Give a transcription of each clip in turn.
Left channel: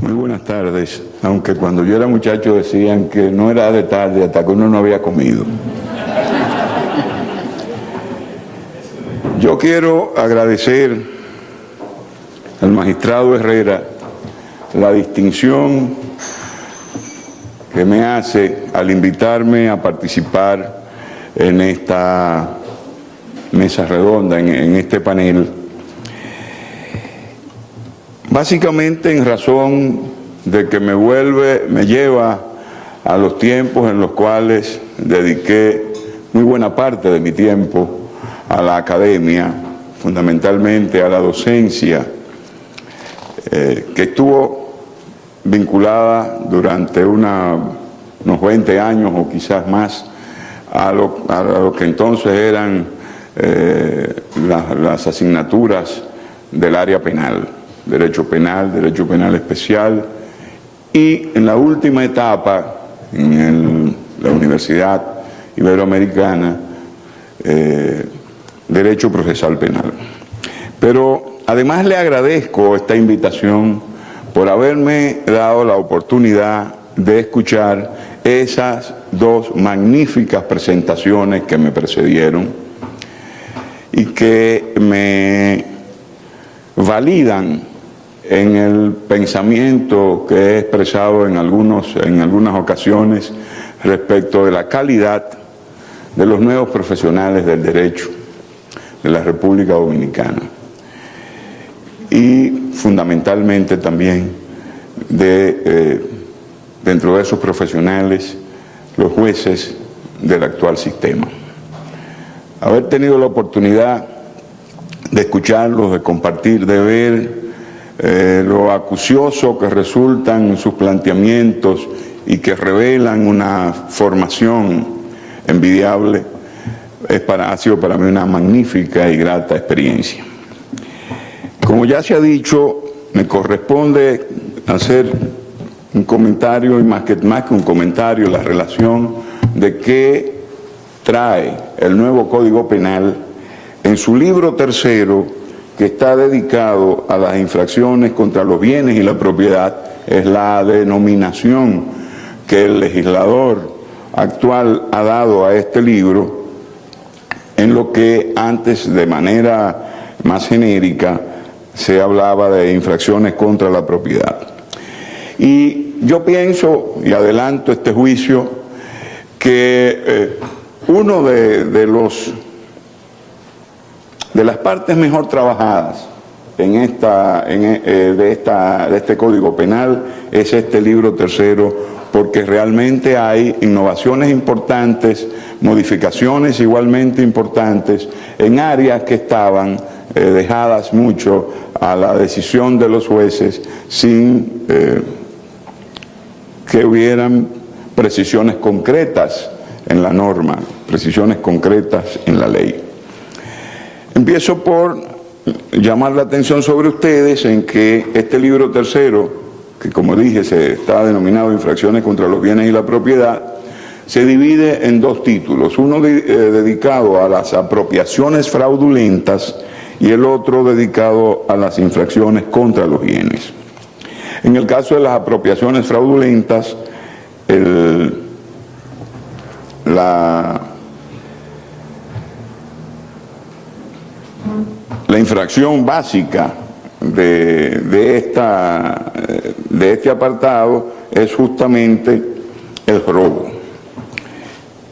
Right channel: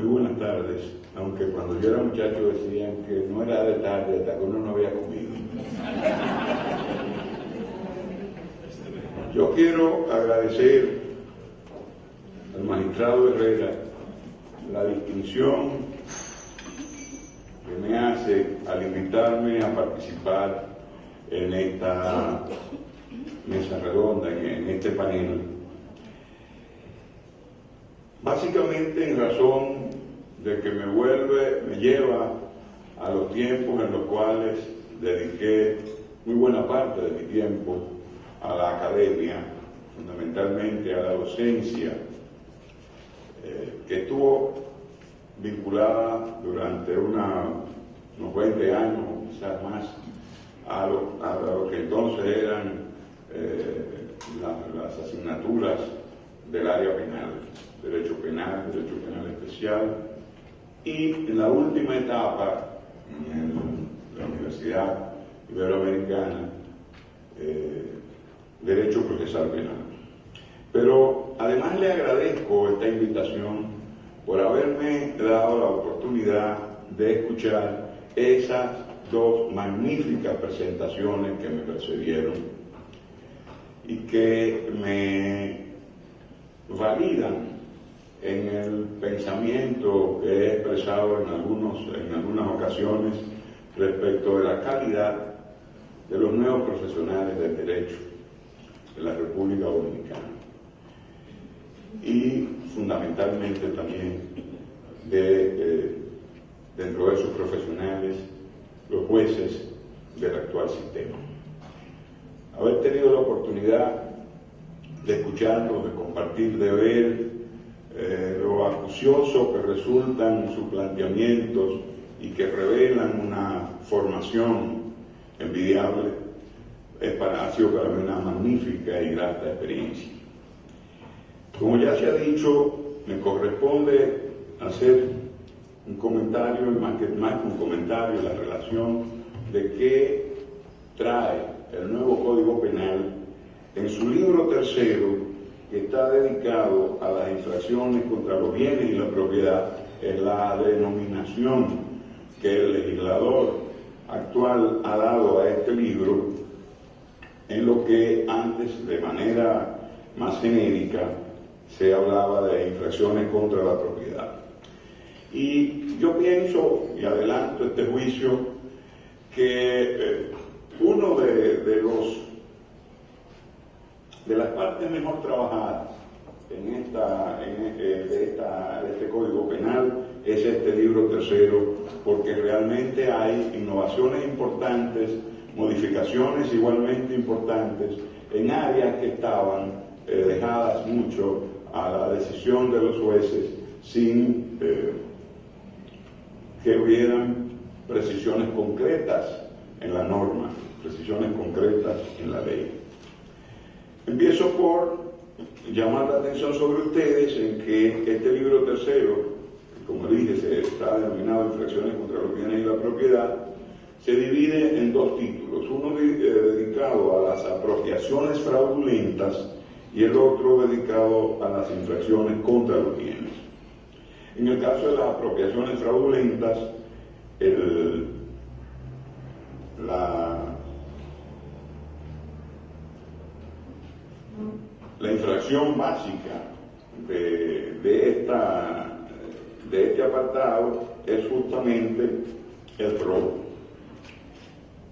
Muy buenas tardes, aunque cuando yo era muchacho decían que no era de tarde hasta que uno no había comido. Yo quiero agradecer al magistrado Herrera la distinción que me hace al invitarme a participar en esta mesa redonda, en este panel, básicamente en razón de que me lleva a los tiempos en los cuales dediqué muy buena parte de mi tiempo a la academia, fundamentalmente a la docencia, que estuvo vinculada durante unos 20 años o quizás más a lo que entonces eran las asignaturas del área penal, derecho penal especial, y en la última etapa en la Universidad Iberoamericana, derecho procesal penal. Pero además le agradezco esta invitación por haberme dado la oportunidad de escuchar esas dos magníficas presentaciones que me precedieron y que me validan en el pensamiento que he expresado en algunas ocasiones respecto de la calidad de los nuevos profesionales del derecho de la República Dominicana y fundamentalmente también dentro de esos profesionales, los jueces del actual sistema. Haber tenido la oportunidad de escucharlos, de compartir, de ver lo acucioso que resultan sus planteamientos y que revelan una formación envidiable, ha sido para mí una magnífica y grata experiencia. Como ya se ha dicho, me corresponde hacer un comentario, y más que un comentario, la relación de qué trae el nuevo Código Penal en su libro tercero, que está dedicado a las infracciones contra los bienes y la propiedad. Es la denominación que el legislador actual ha dado a este libro, en lo que antes de manera más genérica se hablaba de infracciones contra la propiedad. Y yo pienso, y adelanto este juicio, que uno de las partes mejor trabajadas de este Código Penal es este libro tercero, porque realmente hay innovaciones importantes, modificaciones igualmente importantes en áreas que estaban dejadas mucho a la decisión de los jueces sin que hubieran precisiones concretas en la norma, precisiones concretas en la ley. Empiezo por llamar la atención sobre ustedes en que este libro tercero, que como dije está denominado Infracciones contra los bienes y la propiedad, se divide en dos títulos, uno dedicado a las apropiaciones fraudulentas y el otro dedicado a las infracciones contra los bienes. En el caso de las apropiaciones fraudulentas, la infracción básica de este apartado es justamente el robo.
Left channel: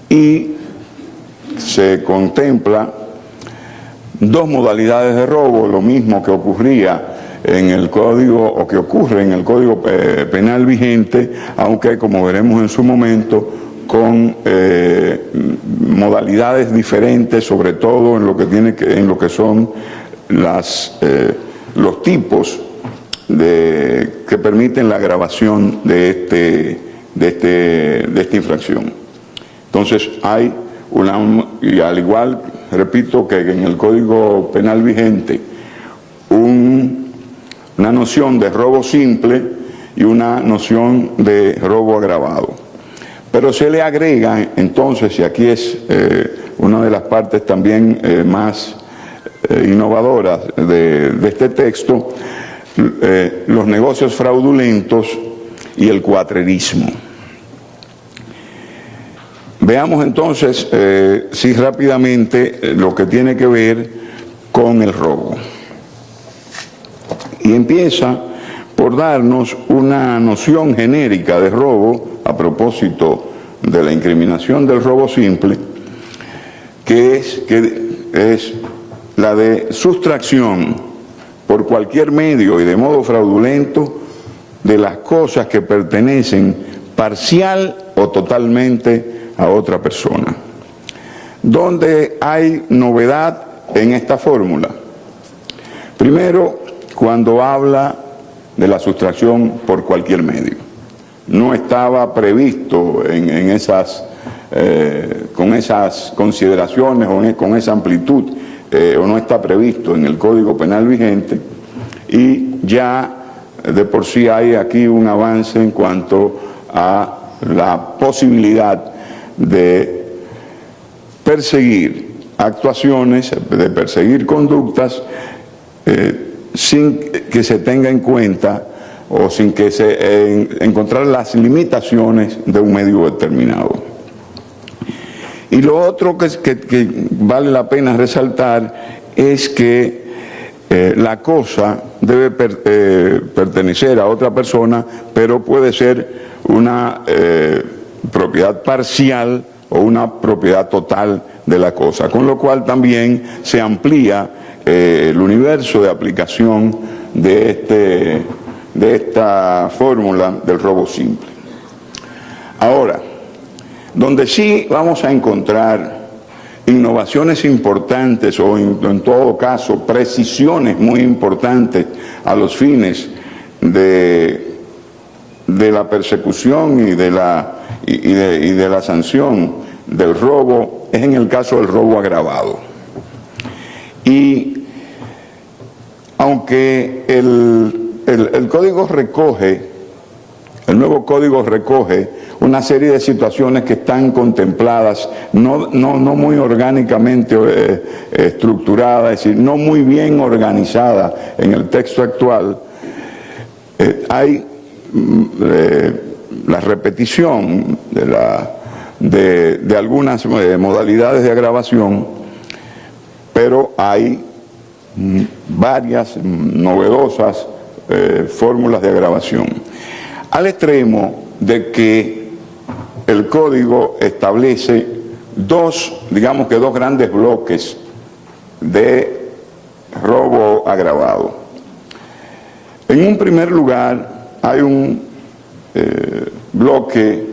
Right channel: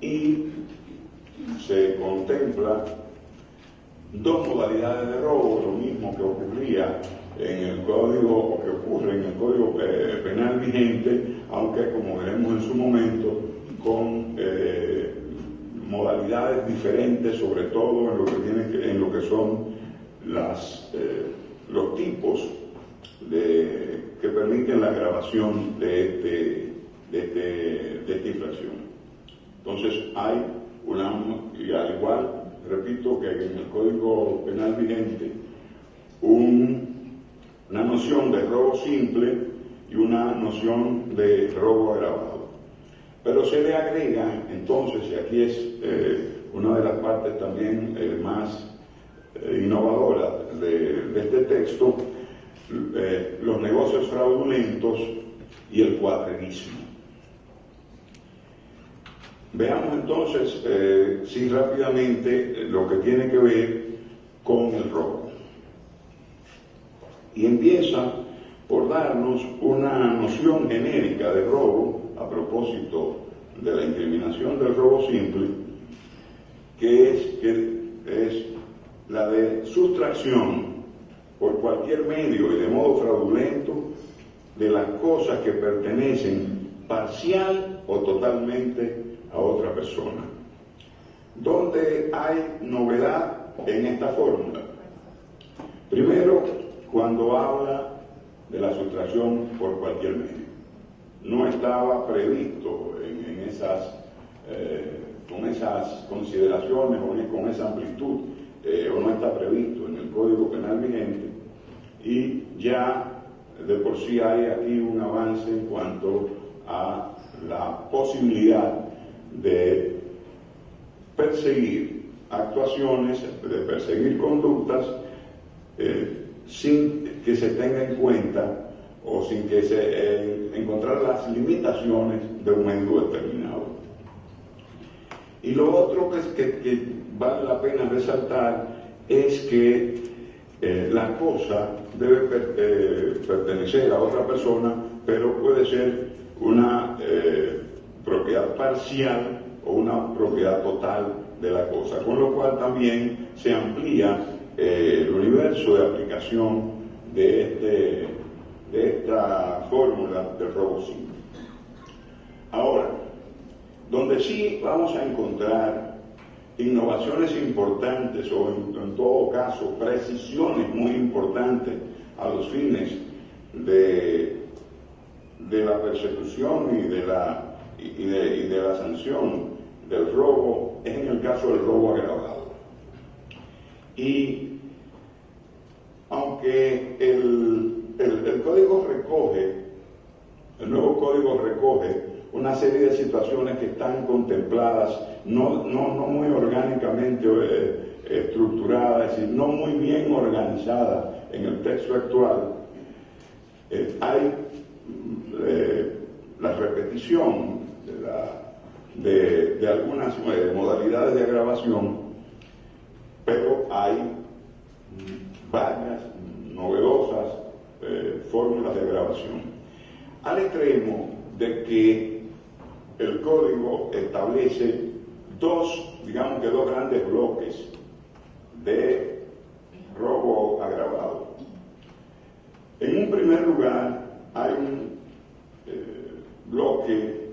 Y se contempla dos modalidades de robo, lo mismo que ocurría en el código, o que ocurre en el Código Penal vigente, aunque como veremos en su momento, con modalidades diferentes, sobre todo en lo que son los tipos que permiten la agravación de esta infracción. Entonces hay y al igual, repito, que en el Código Penal vigente, una noción de robo simple y una noción de robo agravado. Pero se le agrega entonces, y aquí es una de las partes también más innovadoras de este texto, los negocios fraudulentos y el cuatrerismo. Veamos entonces, sí, rápidamente lo que tiene que ver con el robo. Y empieza por darnos una noción genérica de robo a propósito de la incriminación del robo simple, que es la de sustracción por cualquier medio y de modo fraudulento de las cosas que pertenecen parcial o totalmente a otra persona. ¿Dónde hay novedad en esta fórmula? Primero, cuando habla de la sustracción por cualquier medio. No estaba previsto con esas consideraciones o con esa amplitud, o no está previsto en el Código Penal vigente, y ya de por sí hay aquí un avance en cuanto a la posibilidad de perseguir actuaciones, de perseguir conductas sin que se tenga en cuenta o sin que se encontrar las limitaciones de un medio determinado. Y lo otro que vale la pena resaltar es que la cosa debe pertenecer a otra persona, pero puede ser una propiedad parcial o una propiedad total de la cosa, con lo cual también se amplía el universo de aplicación de esta fórmula del robo simple. Ahora, donde sí vamos a encontrar innovaciones importantes o en todo caso precisiones muy importantes a los fines de la persecución y de la sanción del robo es en el caso del robo agravado. Y aunque el código recoge, el nuevo código recoge una serie de situaciones que están contempladas, no muy orgánicamente estructuradas, es decir, no muy bien organizadas en el texto actual, hay la repetición de algunas modalidades de agravación, pero hay varias novedosas fórmulas de agravación, al extremo de que el código establece dos grandes bloques de robo agravado. En un primer lugar hay un bloque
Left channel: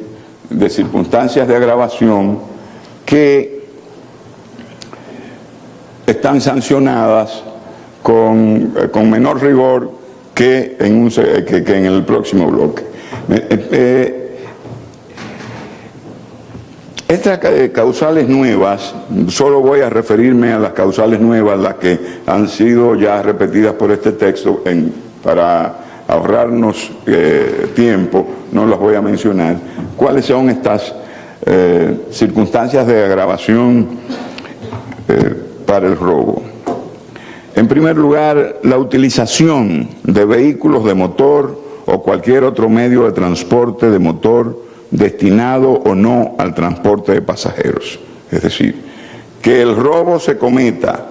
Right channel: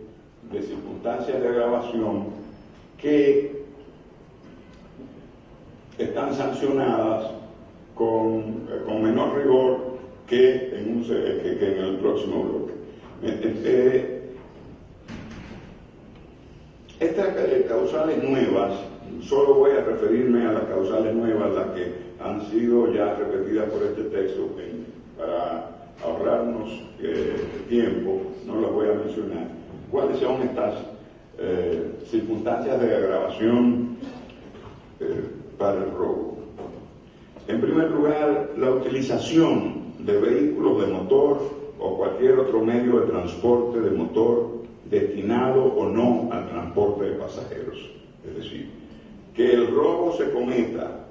de circunstancias de agravación que están sancionadas con menor rigor que en el próximo bloque. Estas causales nuevas, solo voy a referirme a las causales nuevas, las que han sido ya repetidas por este texto, para ahorrarnos tiempo, no las voy a mencionar. ¿Cuáles son estas circunstancias de agravación para el robo? En primer lugar, la utilización de vehículos de motor o cualquier otro medio de transporte de motor destinado o no al transporte de pasajeros. Es decir, que el robo se cometa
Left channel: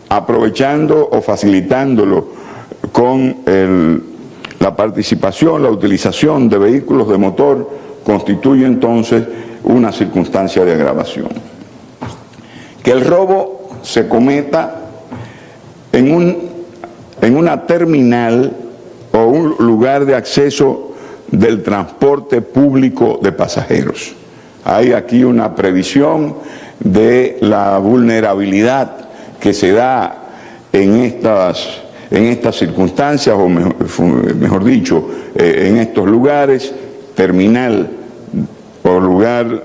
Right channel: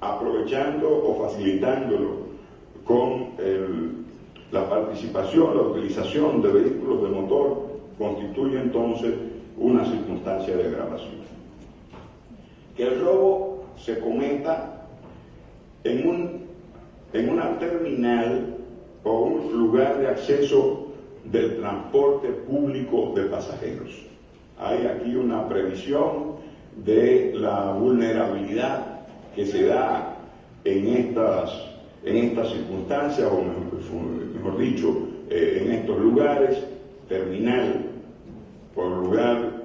aprovechando o facilitándolo con la participación, la utilización de vehículos de motor, constituye entonces una circunstancia de agravación. Que el robo se cometa en una terminal o un lugar de acceso del transporte público de pasajeros. Hay aquí una previsión de la vulnerabilidad que se da en estas circunstancias, o mejor dicho, en estos lugares, terminal o lugar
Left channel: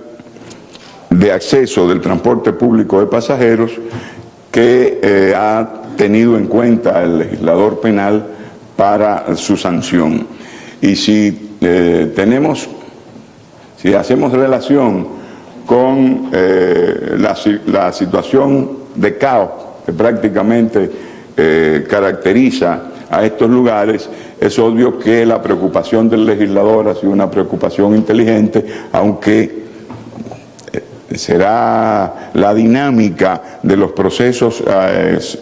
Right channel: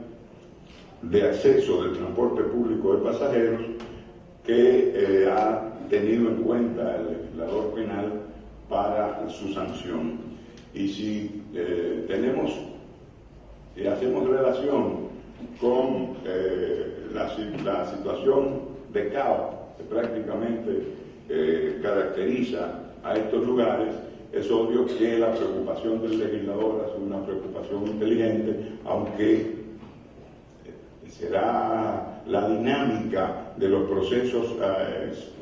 de acceso del transporte público de pasajeros, que ha tenido en cuenta el legislador penal para su sanción. Y si hacemos relación con la situación de caos que prácticamente caracteriza a estos lugares, es obvio que la preocupación del legislador ha sido una preocupación inteligente, aunque será la dinámica de los procesos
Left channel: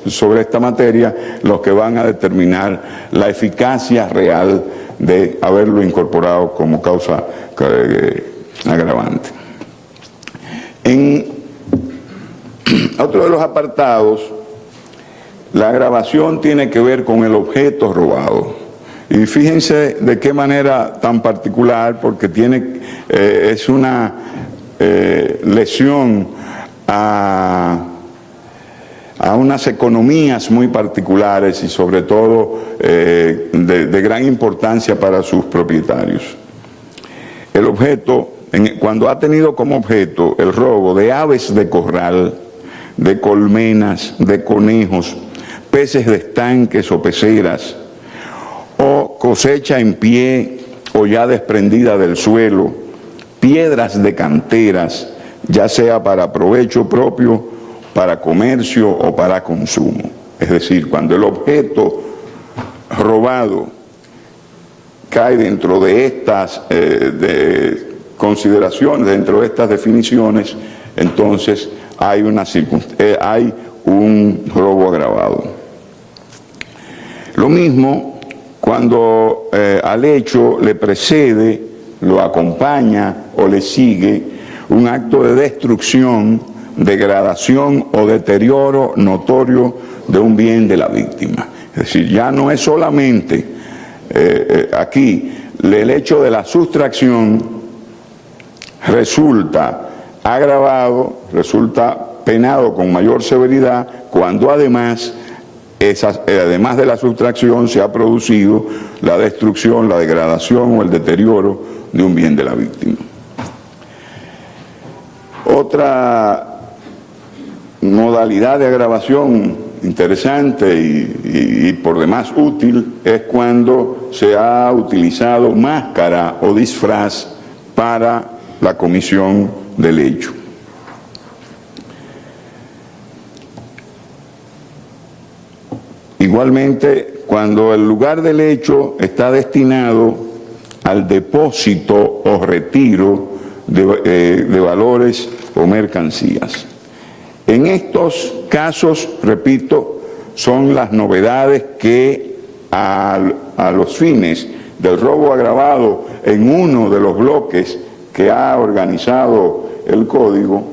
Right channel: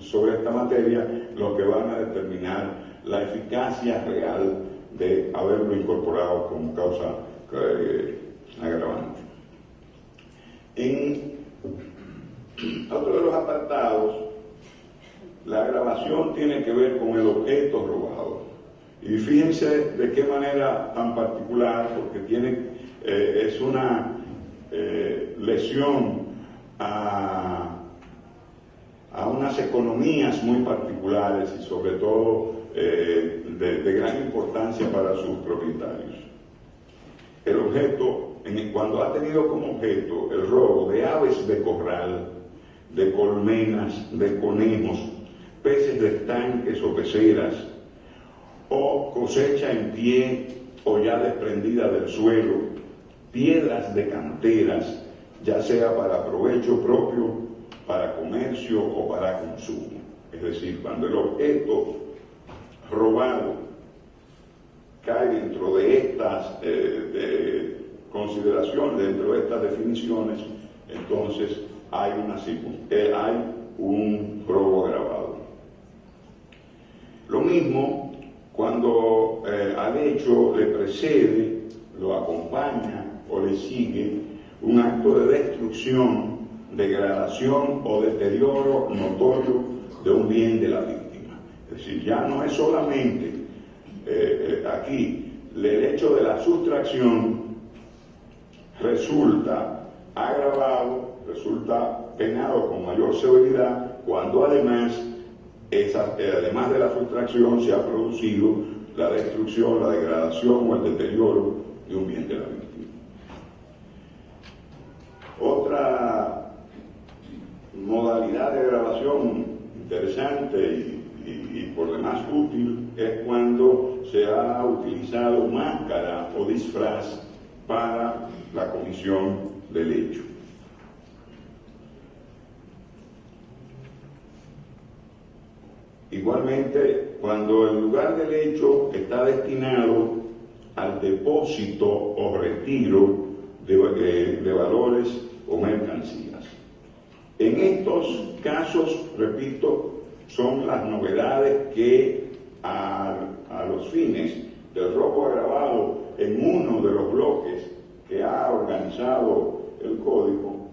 sobre esta materia los que van a determinar la eficacia real de haberlo incorporado como causa agravante. En otro de los apartados, la agravación tiene que ver con el objeto robado. Y fíjense de qué manera tan particular, porque es una lesión a unas economías muy particulares y sobre todo de gran importancia para sus propietarios. El objeto, cuando ha tenido como objeto el robo de aves de corral, de colmenas, de conejos, peces de estanques o peceras, o cosecha en pie o ya desprendida del suelo, piedras de canteras, ya sea para provecho propio, para comercio o para consumo. Es decir, cuando el objeto robado cae dentro de estas consideraciones, dentro de estas definiciones, entonces hay un robo agravado. Lo mismo cuando al hecho le precede, lo acompaña o le sigue un acto de destrucción, degradación o deterioro notorio de un bien de la víctima. Es decir, ya no es solamente aquí el hecho de la sustracción resulta agravado, resulta penado con mayor severidad cuando además de la sustracción se ha producido la destrucción, la degradación o el deterioro de un bien de la víctima. Otra modalidad de agravación interesante y por demás útil es cuando se ha utilizado máscara o disfraz para la comisión del hecho. Igualmente, cuando el lugar del hecho está destinado al depósito o retiro de valores o mercancías. En estos casos, repito, son las novedades que a los fines del robo agravado en uno de los bloques que ha organizado el Código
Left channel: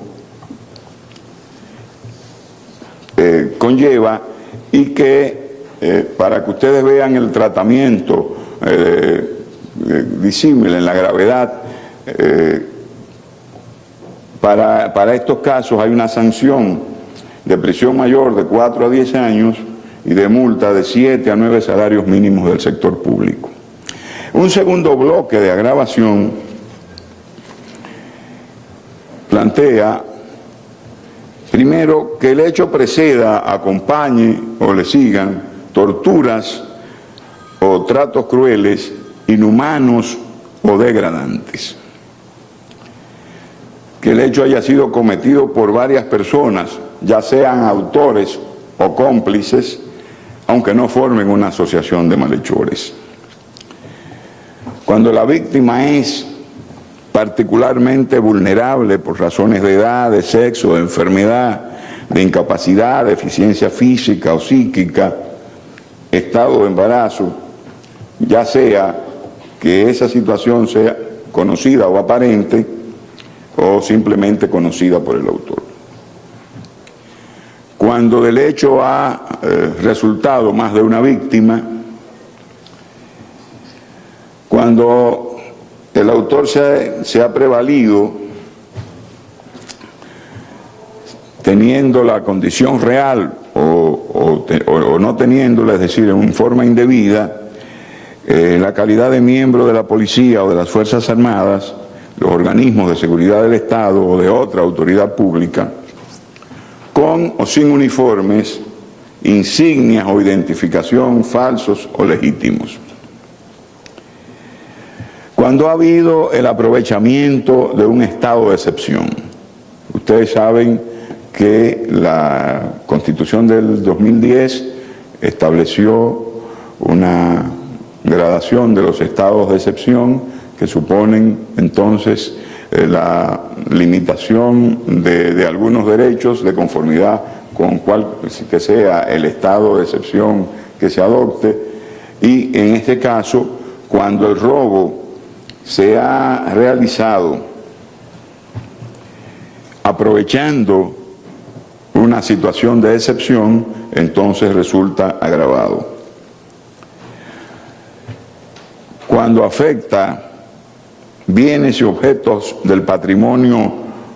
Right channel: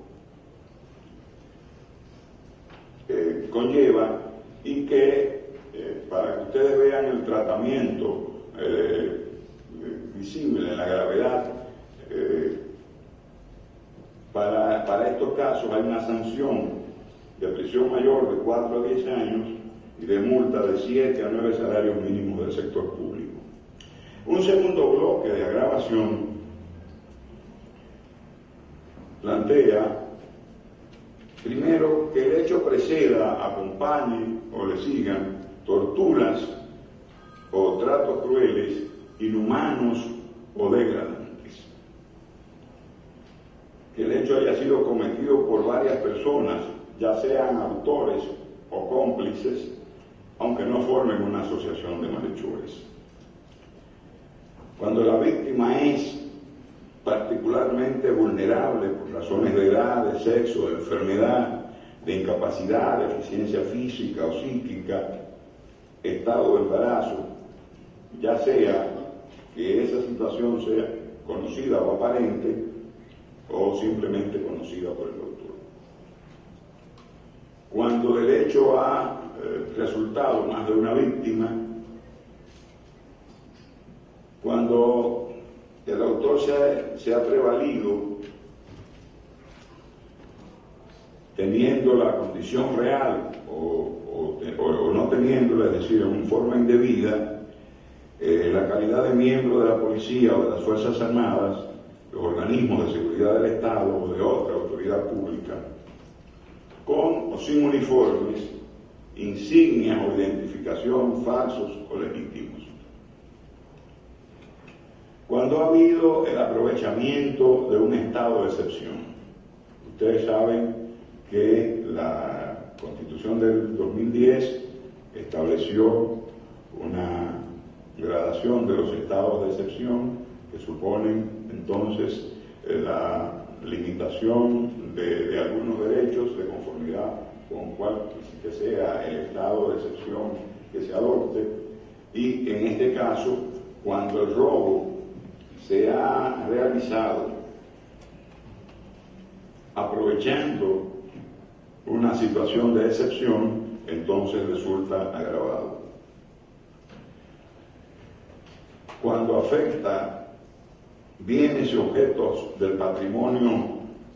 conlleva, y que para que ustedes vean el tratamiento visible en la gravedad, para estos casos hay una sanción de prisión mayor de 4 a 10 años y de multa de 7 a 9 salarios mínimos del sector público. Un segundo bloque de agravación plantea, primero, que el hecho preceda, acompañe o le sigan torturas o tratos crueles, inhumanos o degradantes. Que el hecho haya sido cometido por varias personas, ya sean autores o cómplices, aunque no formen una asociación de malhechores. Cuando la víctima es particularmente vulnerable por razones de edad, de sexo, de enfermedad, de incapacidad, deficiencia física o psíquica, estado de embarazo, ya sea que esa situación sea conocida o aparente o simplemente conocida por el autor. Cuando del hecho ha resultado más de una víctima, cuando el autor se ha prevalido teniendo la condición real o no teniéndola, es decir, en forma indebida, la calidad de miembro de la policía o de las Fuerzas Armadas, los organismos de seguridad del Estado o de otra autoridad pública, con o sin uniformes, insignias o identificación falsos o legítimos. Cuando ha habido el aprovechamiento de un estado de excepción. Ustedes saben que la Constitución del 2010 estableció una gradación de los estados de excepción que suponen entonces la limitación de algunos derechos de conformidad con cual que sea el estado de excepción que se adopte, y en este caso, cuando el robo se ha realizado aprovechando una situación de excepción, entonces resulta agravado. Cuando afecta bienes y objetos del patrimonio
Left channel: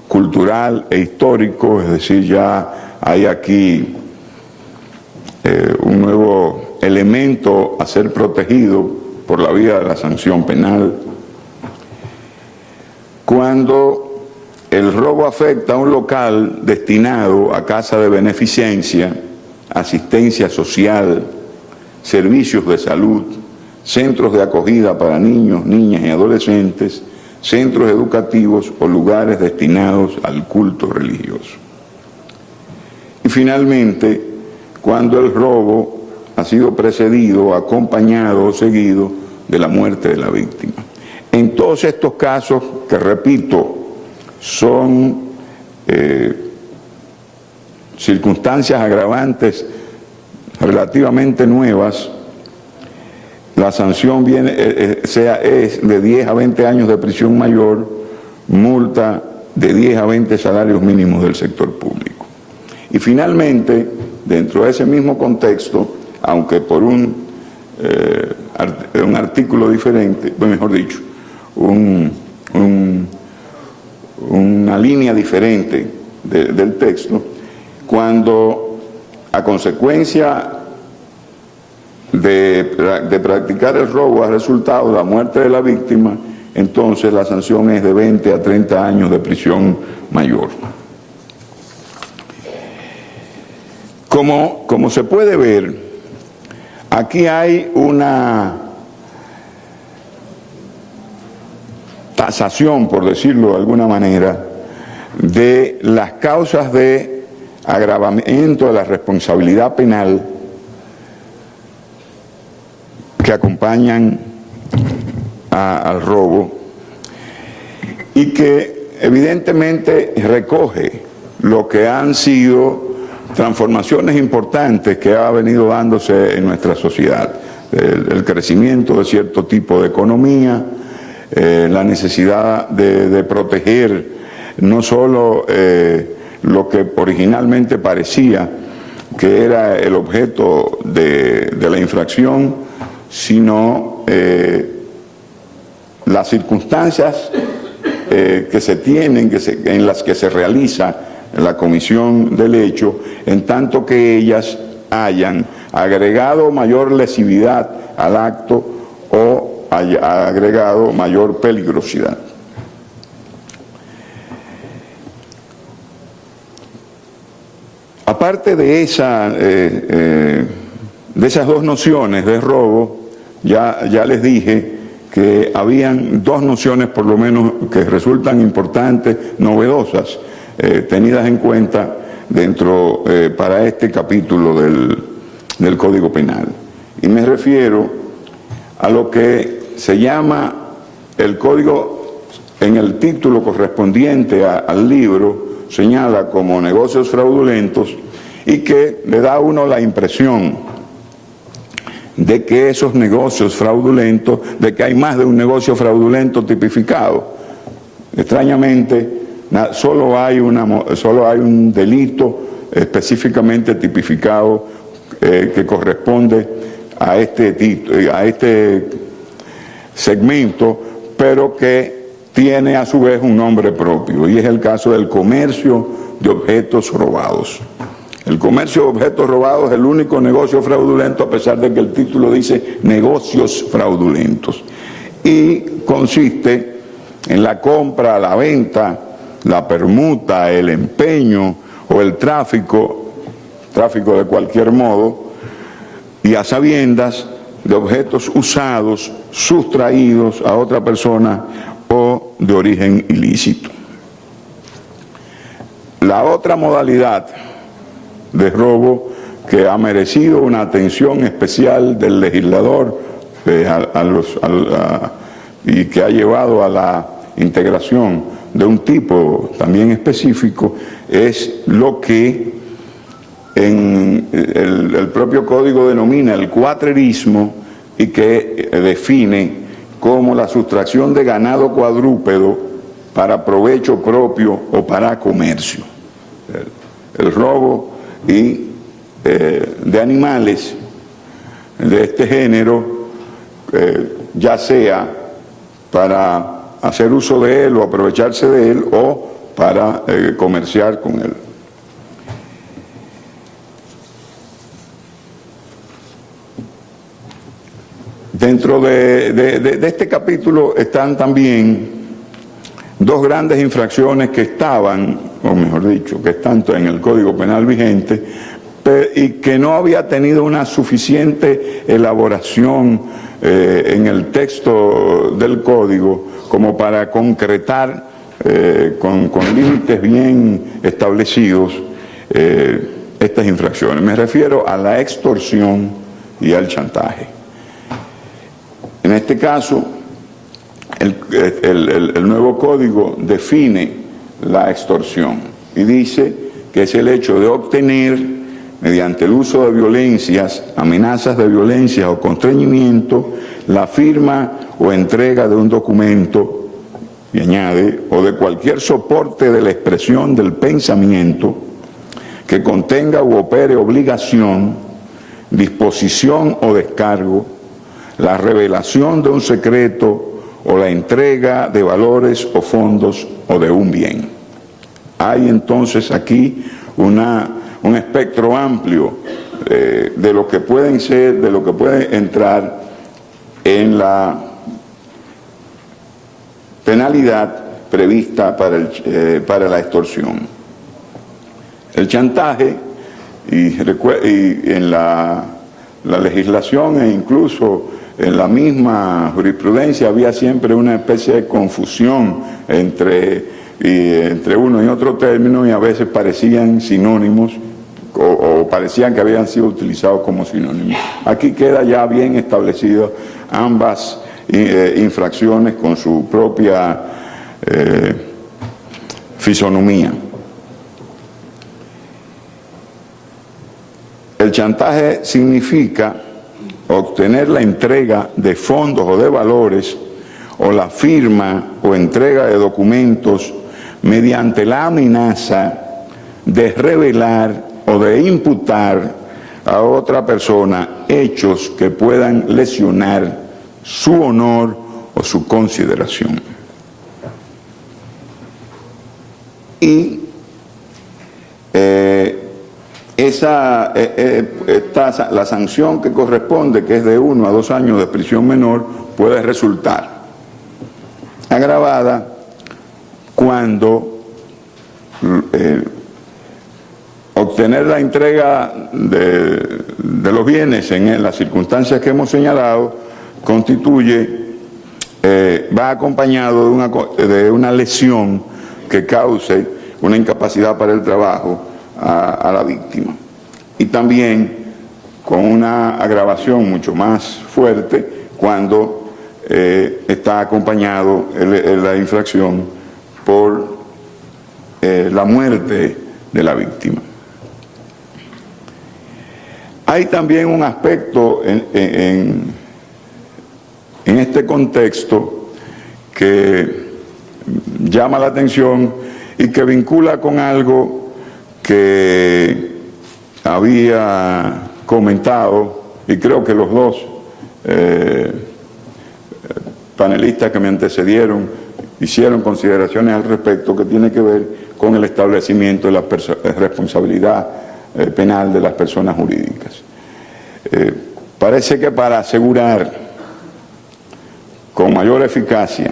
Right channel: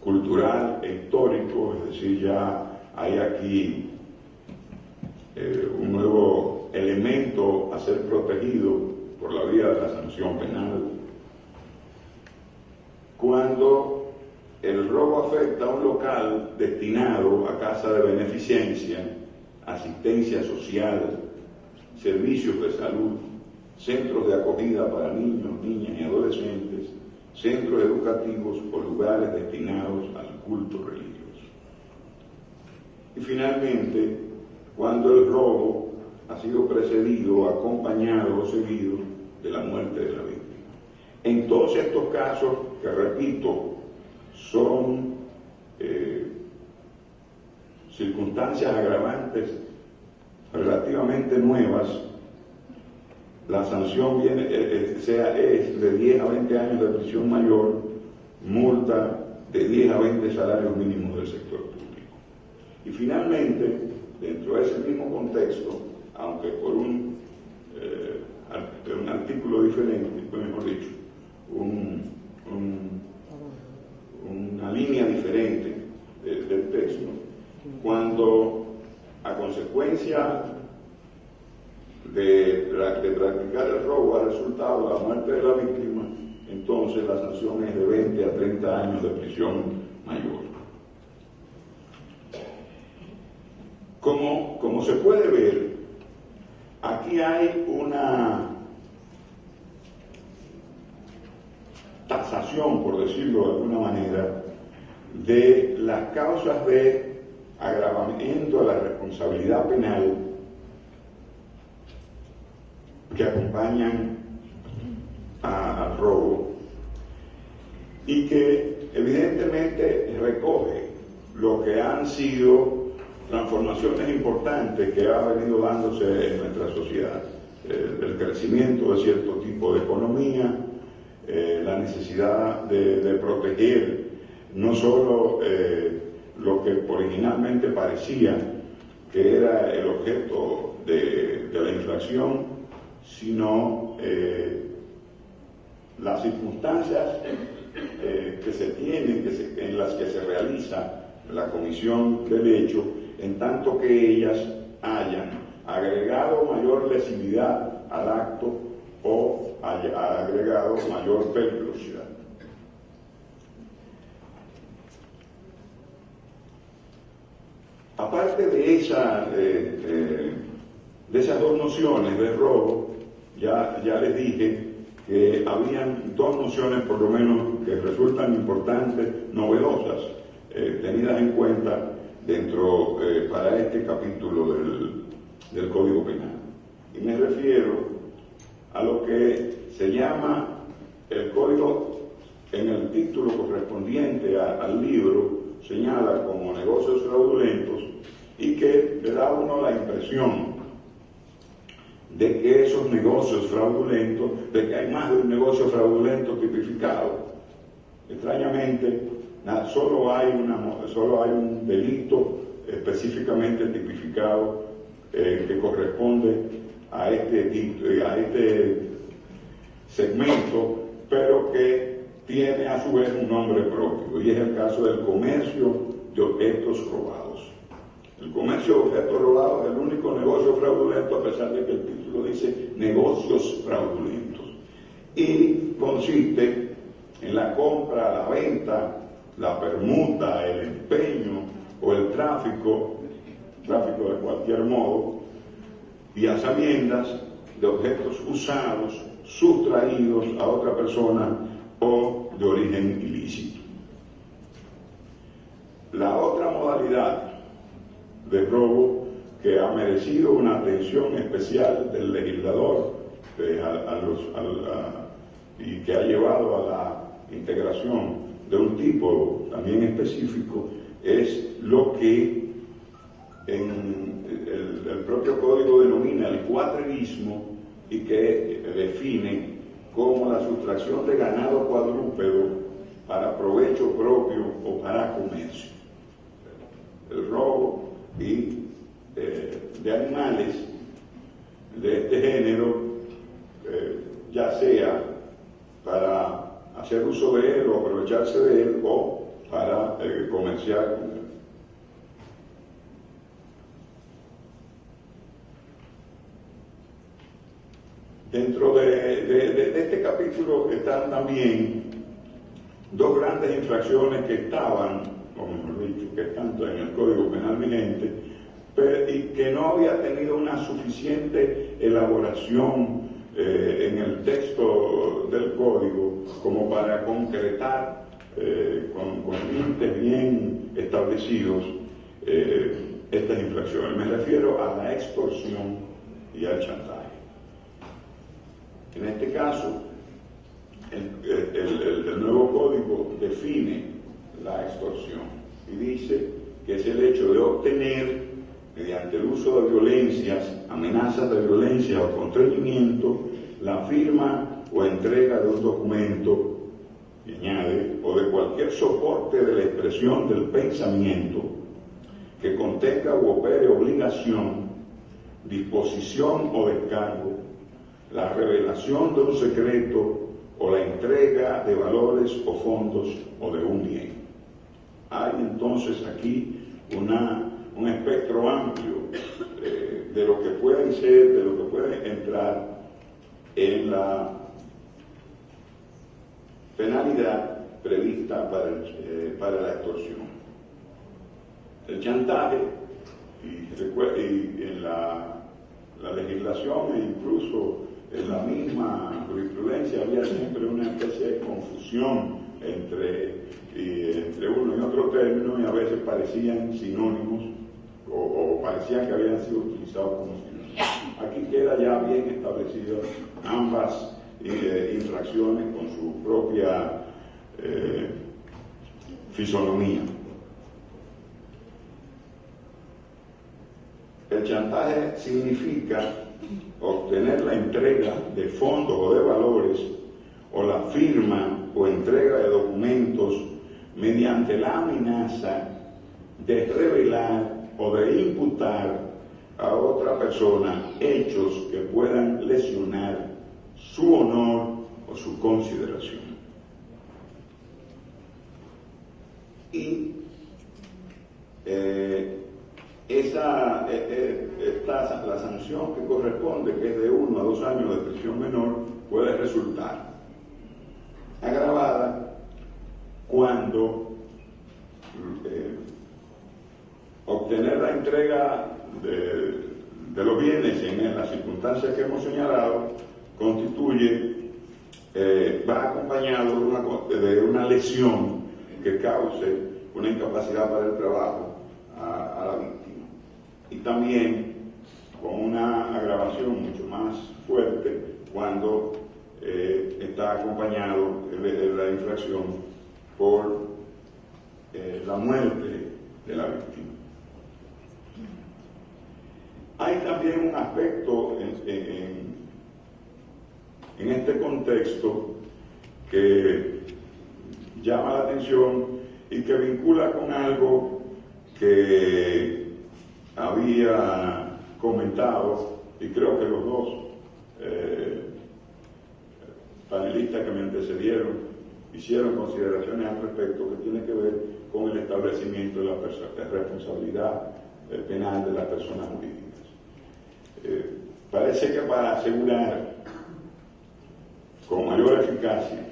cultural e histórico, es decir, ya hay aquí un nuevo elemento a ser protegido por la vía de la sanción penal. Cuando el robo afecta a un local destinado a casa de beneficencia, asistencia social, servicios de salud, centros de acogida para niños, niñas y adolescentes, centros educativos o lugares destinados al culto religioso. Y finalmente, cuando el robo ha sido precedido, acompañado o seguido de la muerte de la víctima. En todos estos casos, que repito, son circunstancias agravantes relativamente nuevas, la sanción es de 10 a 20 años de prisión mayor, multa de 10 a 20 salarios mínimos del sector público. Y finalmente, dentro de ese mismo contexto, aunque por un artículo diferente, mejor dicho, una línea diferente del texto, cuando a consecuencia de practicar el robo ha resultado la muerte de la víctima, entonces la sanción es de 20 a 30 años de prisión mayor. Como se puede ver, aquí hay una tasación, por decirlo de alguna manera, de las causas de agravamiento de la responsabilidad penal que acompañan al robo y que evidentemente recoge lo que han sido transformaciones importantes que ha venido dándose en nuestra sociedad. El crecimiento de cierto tipo de economía, la necesidad de proteger no solo lo que originalmente parecía que era el objeto de la infracción, sino las circunstancias que se tienen, en las que se realiza la comisión del hecho, en tanto que ellas hayan agregado mayor lesividad al acto o haya agregado mayor peligrosidad. Aparte de esas dos nociones de robo, ya les dije que habían dos nociones por lo menos que resultan importantes, novedosas, tenidas en cuenta para este capítulo del Código Penal. Y me refiero a lo que se llama el Código, en el título correspondiente al libro, señala como negocios fraudulentos, y que le da a uno la impresión de que esos negocios fraudulentos, de que hay más de un negocio fraudulento tipificado. Extrañamente, solo hay un delito específicamente tipificado que corresponde a este segmento, pero que tiene a su vez un nombre propio, y es el caso del comercio de objetos robados. El comercio de objetos robados es el único negocio fraudulento, a pesar de que el título dice negocios fraudulentos, y consiste en la compra, la venta, la permuta, el empeño o el tráfico de cualquier modo, y a sabiendas de objetos usados, sustraídos a otra persona o de origen ilícito. La otra modalidad de robo que ha merecido una atención especial del legislador y que ha llevado a la integración de un tipo también específico, es lo que el propio código denomina el cuatrerismo y que define como la sustracción de ganado cuadrúpedo para provecho propio o para comercio. El robo de animales de este género, ya sea para hacer uso de él o aprovecharse de él o para comerciar con él. Dentro de este capítulo están también dos grandes infracciones que estaban, o mejor dicho, que están en el Código Penal vigente y que no había tenido una suficiente elaboración en el texto del Código como para concretar con límites bien establecidos estas infracciones. Me refiero a la extorsión y al chantaje. En este caso, el nuevo código define la extorsión y dice que es el hecho de obtener, mediante el uso de violencias, amenazas de violencia o constreñimiento, la firma o entrega de un documento, y añade, o de cualquier soporte de la expresión del pensamiento que contenga u opere obligación, disposición o descargo, la revelación de un secreto o la entrega de valores o fondos o de un bien. Hay entonces aquí un espectro amplio de lo que pueden ser, de lo que puede entrar en la penalidad prevista para la extorsión. El chantaje, y en la legislación e incluso en la misma jurisprudencia había siempre una especie de confusión entre uno y otro término, y a veces parecían sinónimos o parecían que habían sido utilizados como sinónimos. Aquí queda ya bien establecido ambas infracciones con su propia fisonomía. El chantaje significa obtener la entrega de fondos o de valores o la firma o entrega de documentos mediante la amenaza de revelar o de imputar a otra persona hechos que puedan lesionar su honor o su consideración. Y la sanción que corresponde, que es de 1 a 2 años de prisión menor, puede resultar agravada cuando obtener la entrega de los bienes en las circunstancias que hemos señalado va acompañado de una lesión que cause una incapacidad para el trabajo a la víctima, y también con una agravación mucho más fuerte cuando está acompañado la infracción por la muerte de la víctima. Hay también un aspecto en este contexto que llama la atención y que vincula con algo que había comentado, y creo que los dos panelistas que me antecedieron hicieron consideraciones al respecto, que tiene que ver con el establecimiento de la responsabilidad penal de las personas jurídicas. Parece que para asegurar con mayor eficacia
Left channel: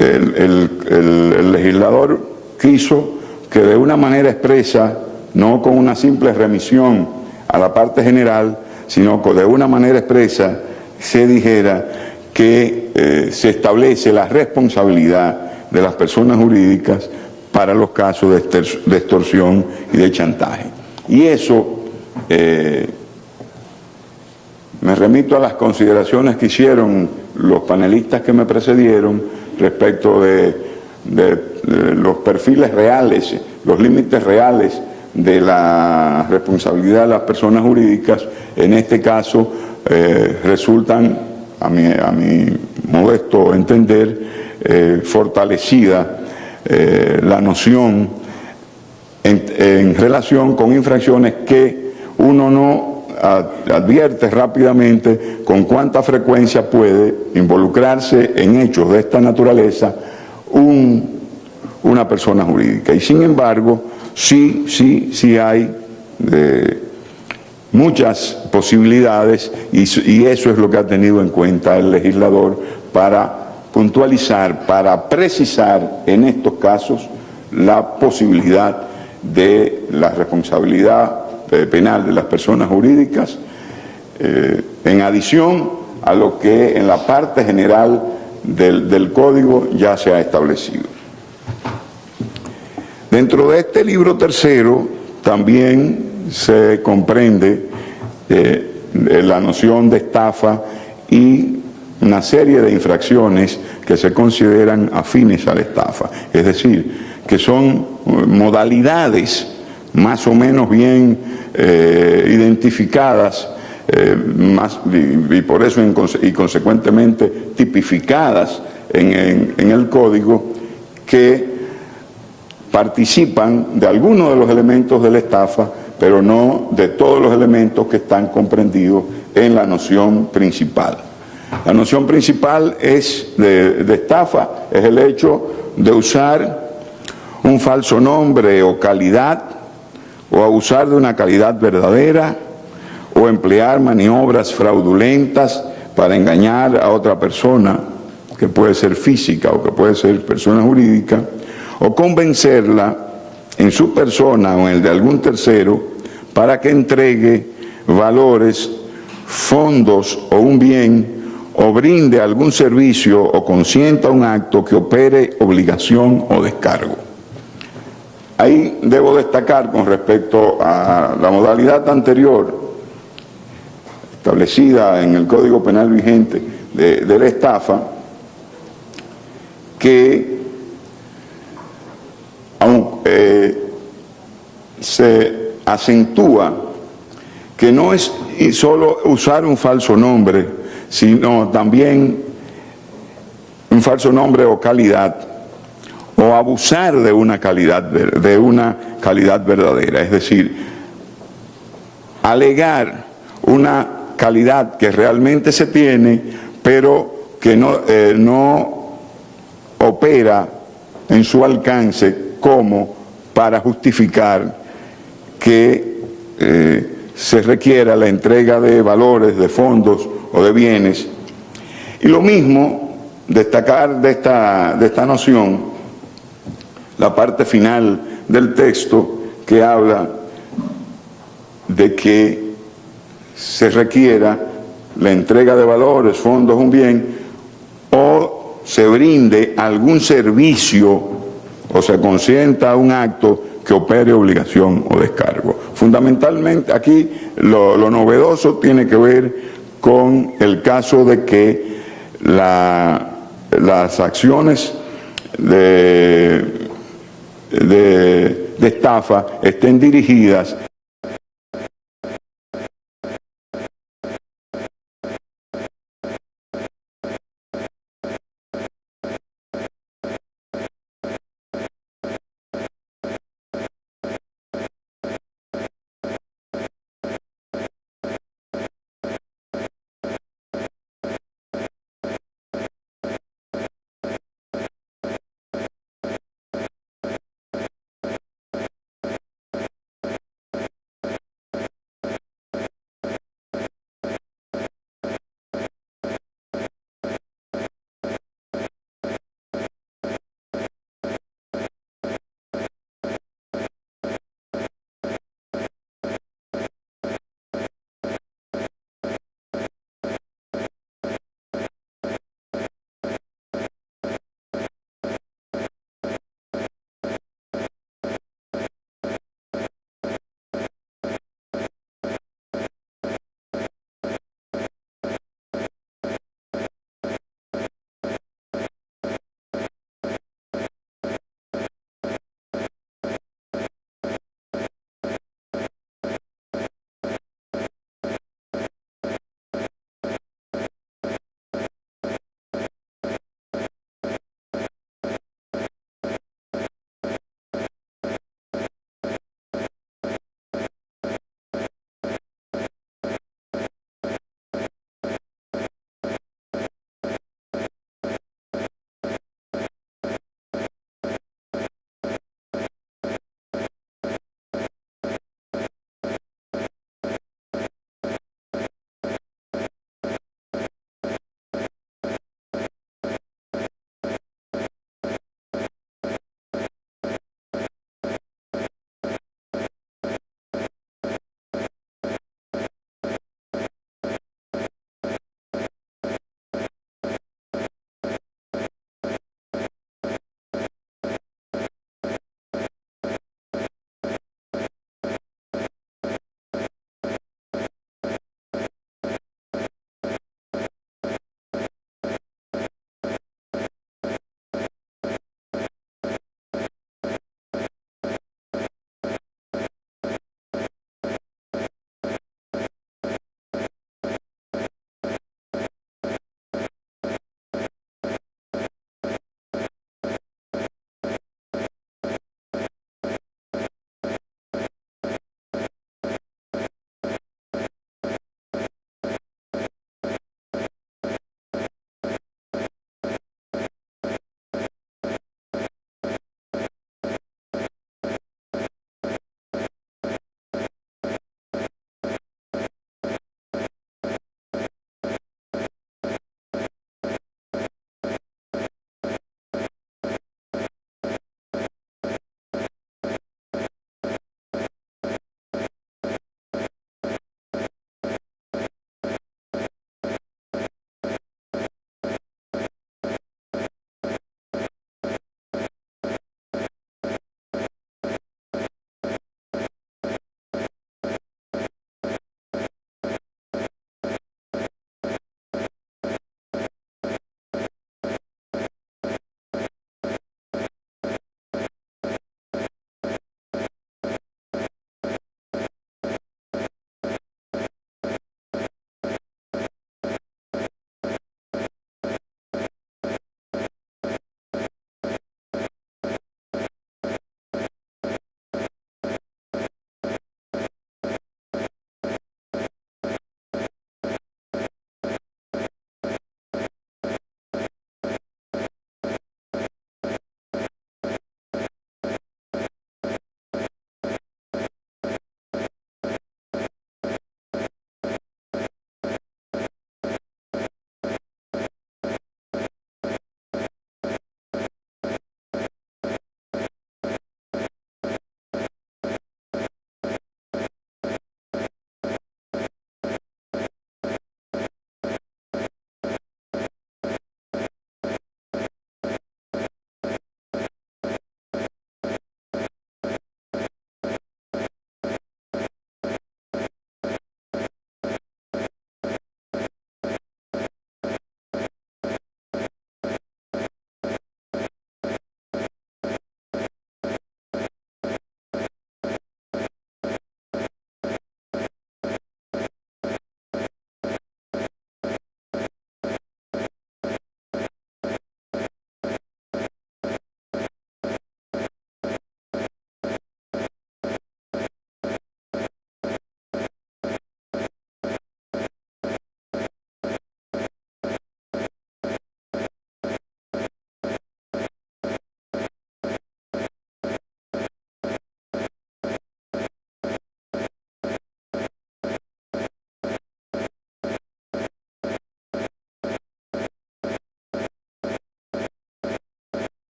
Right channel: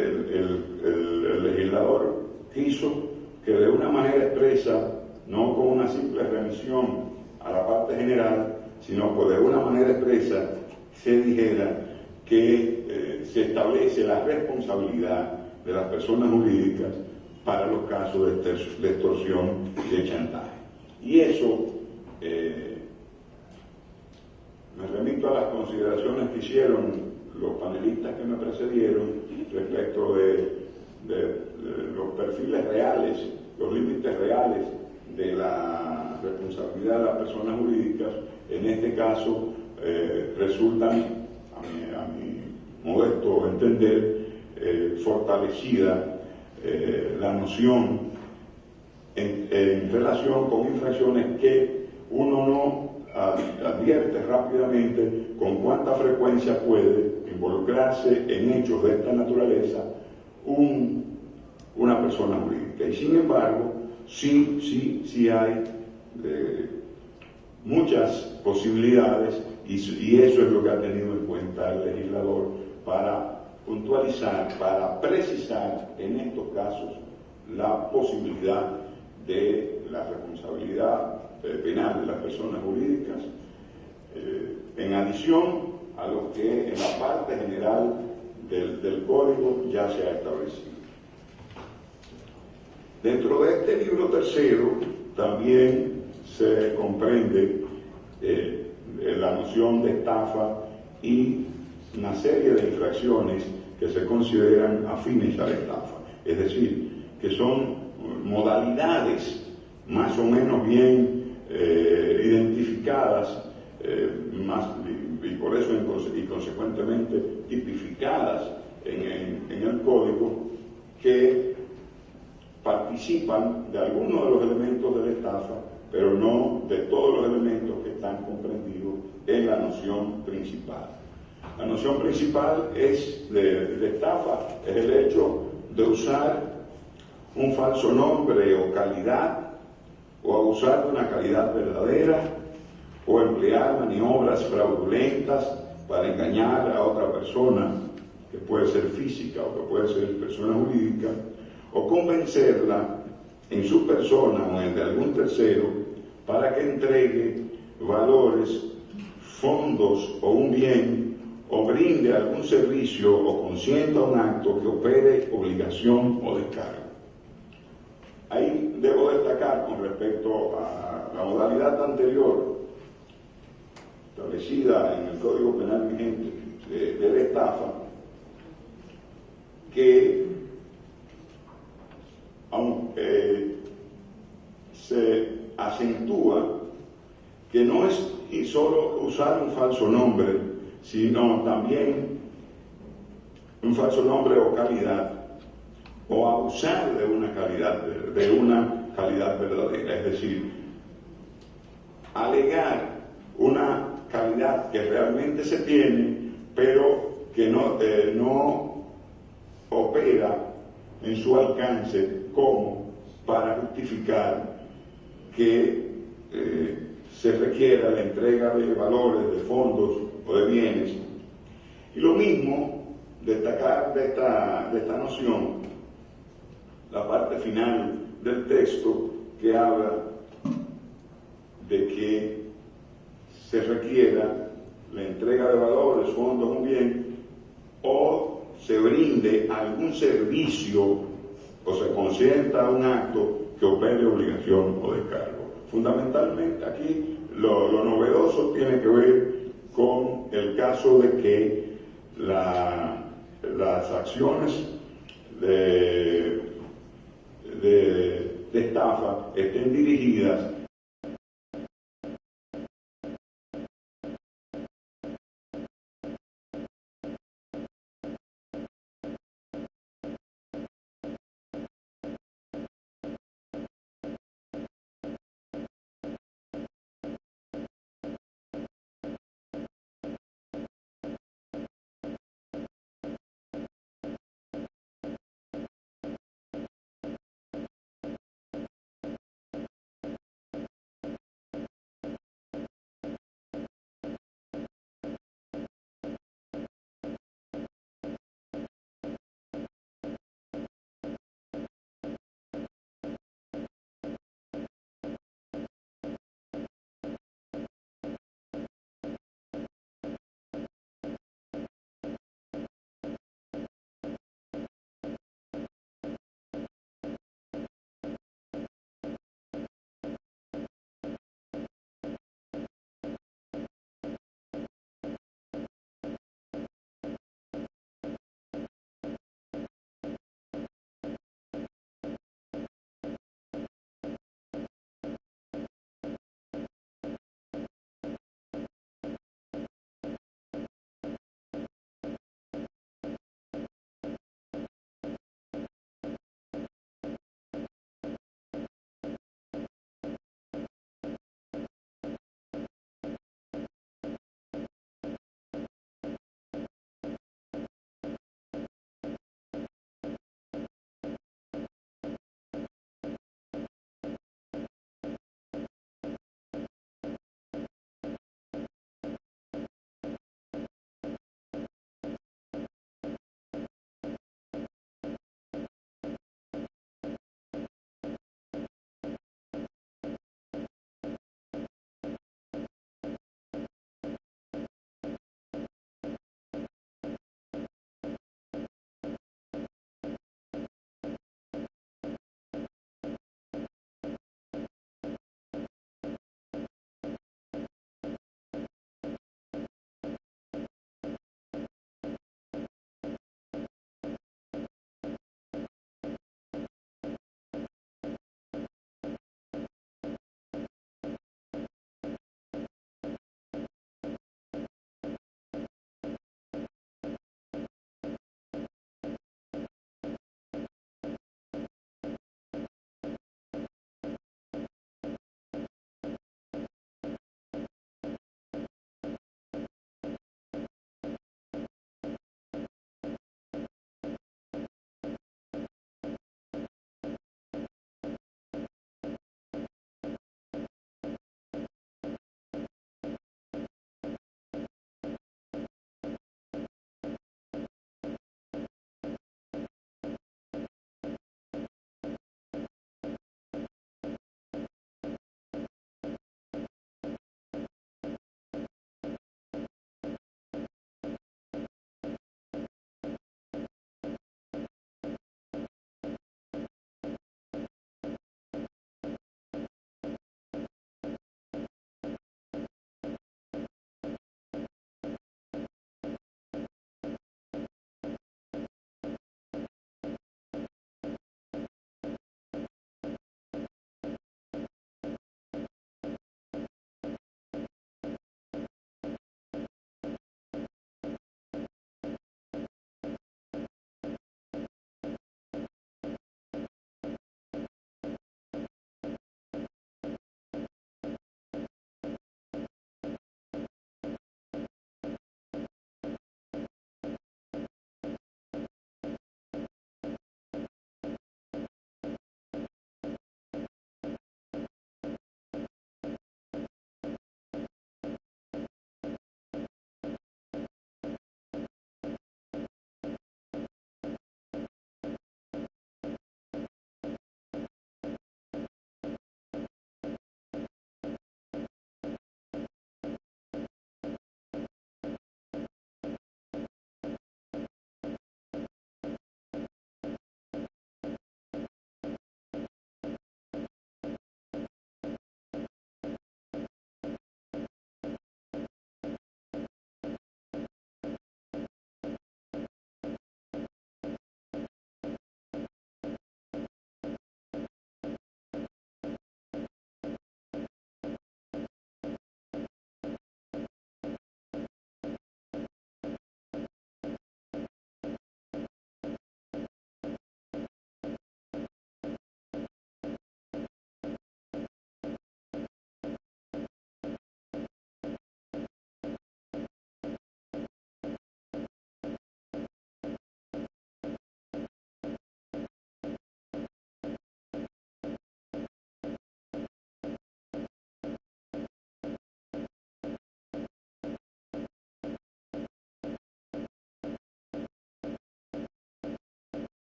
el legislador quiso que de una manera expresa, no con una simple remisión a la parte general, sino que de una manera expresa se dijera que se establece la responsabilidad de las personas jurídicas para los casos de extorsión y de chantaje. Y eso, me remito a las consideraciones que hicieron los panelistas que me precedieron respecto de los perfiles reales, los límites reales de la responsabilidad de las personas jurídicas. En este caso resultan, a mi modesto entender, fortalecida la noción en relación con infracciones que uno no advierte rápidamente con cuánta frecuencia puede involucrarse en hechos de esta naturaleza una persona jurídica. Y sin embargo, sí hay muchas posibilidades y eso es lo que ha tenido en cuenta el legislador para puntualizar, para precisar en estos casos la posibilidad de la responsabilidad penal de las personas jurídicas, en adición a lo que en la parte general del Código ya se ha establecido. Dentro de este libro tercero también se comprende la noción de estafa y una serie de infracciones que se consideran afines a la estafa, es decir, que son modalidades más o menos bien identificadas y por eso y consecuentemente tipificadas en el Código, que participan de algunos de los elementos de la estafa, pero no de todos los elementos que están comprendidos en la noción principal. La noción principal de estafa es el hecho de usar un falso nombre o calidad, o abusar de una calidad verdadera, o emplear maniobras fraudulentas para engañar a otra persona, que puede ser física o que puede ser persona jurídica, o convencerla en su persona o en el de algún tercero para que entregue valores, fondos o un bien, o brinde algún servicio o consienta un acto que opere obligación o descargo. Ahí debo destacar con respecto a la modalidad anterior establecida en el Código Penal vigente de la estafa, que aunque se acentúa que no es solo usar un falso nombre, sino también un falso nombre o calidad, o abusar de una calidad verdadera, es decir, alegar una calidad que realmente se tiene, pero que no opera en su alcance como para justificar que se requiera la entrega de valores, de fondos o de bienes. Y lo mismo, destacar de esta noción la parte final del texto, que habla de que se requiera la entrega de valores, fondos, un bien, o se brinde algún servicio o se consienta un acto que opere obligación o descargo. Fundamentalmente aquí lo novedoso tiene que ver con el caso de que las acciones de estafa estén dirigidas